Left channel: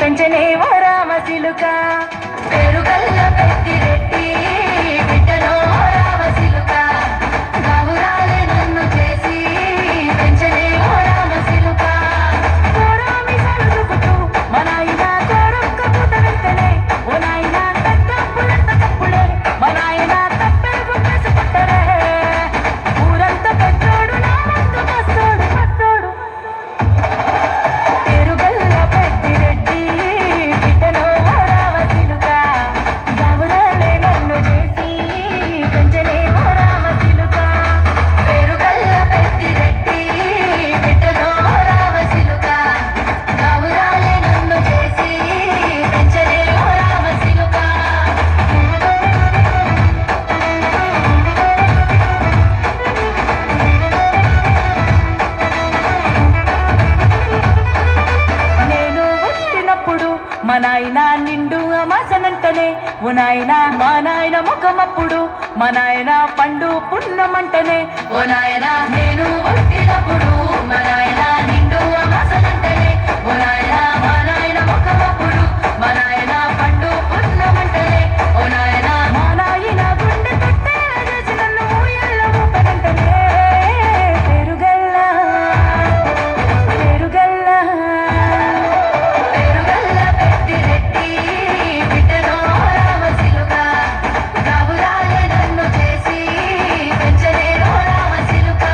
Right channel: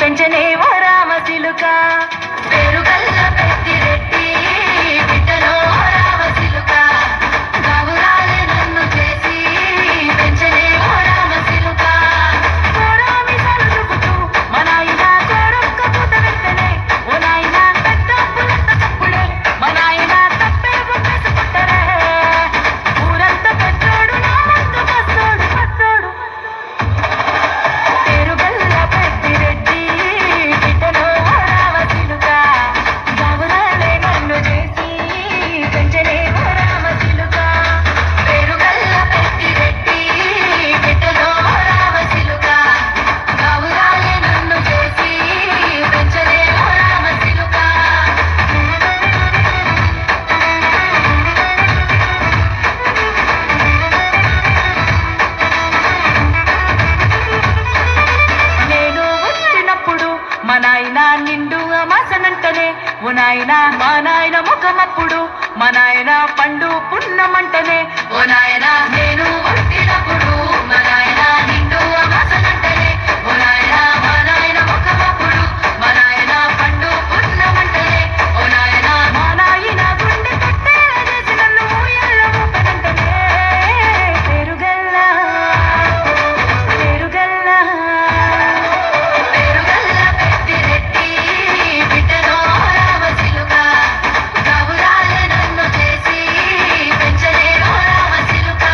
పెంచనే ఓ రామచిలుక పేరుగల్ల పెద్దిరెడ్డి బిడ్డలో ఓ రామచిలుక గావురాలే నన్ను చేసి పెంచనే ఓ రామచిలుక కోరామి సలుగుతూ మా నాయన కోరొక్క పూత వెంటనే ఓ నాయన పెద్ద పులంత తప్పుడు మా నాయన తప్పే బొమ్మేసి పుట్టరే ఊరంతా పెద్దోడు నా ముందు కస్తోడు కస్తోడు పేరుగల్ల పెద్దిరెడ్డి బిడ్డలో ఓ రామచిలుక గావురాలే నన్ను చేసి పెంచనే ఓ రామచిలుక పేరుగల్ల పెద్దిరెడ్డి బిడ్డలో ఓ రామచిలుక గావురాలే నన్ను చేసి పెంచనే ఓ రామచిలుక నేను పుట్టినప్పుడు మా నాయన నిండు అమాసనంటనే ఓ నాయన మా నాయన ముఖమప్పుడు మా నాయన పండు పున్నమంటనే ఓ నాయన నేను పుట్టినప్పుడు మా నాయన నిండు అమాసనంటనే ఓ నాయన మా నాయన ముఖమప్పుడు మా నాయన పండు పున్నమంటనే ఓ నాయన మా నాయన గుండె కట్టేలా చేసి నన్ను ఊయల్ల ఊపనంటనే పేరుగల్ల పేరుగల్ల పేరుగల్ల పెద్దిరెడ్డి బిడ్డలో రామచిలుక గావురాలే నన్ను చేసి పెంచనే ఓ రామచిలుక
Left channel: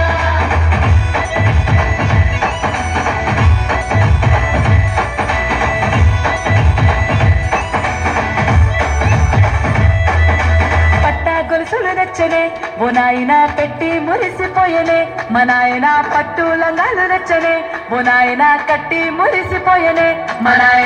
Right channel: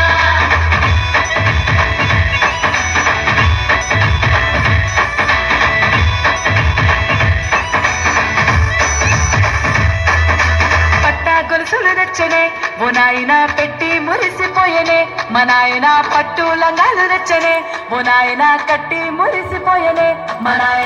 పట్టా గొలుసులు నచ్చనే ఓ నాయన పెట్టి మురిసిపోయనే మా నాయన పట్టు లంగాలు నచ్చనే ఓ నాయన కట్టి మురిసిపోయనే మా నాయన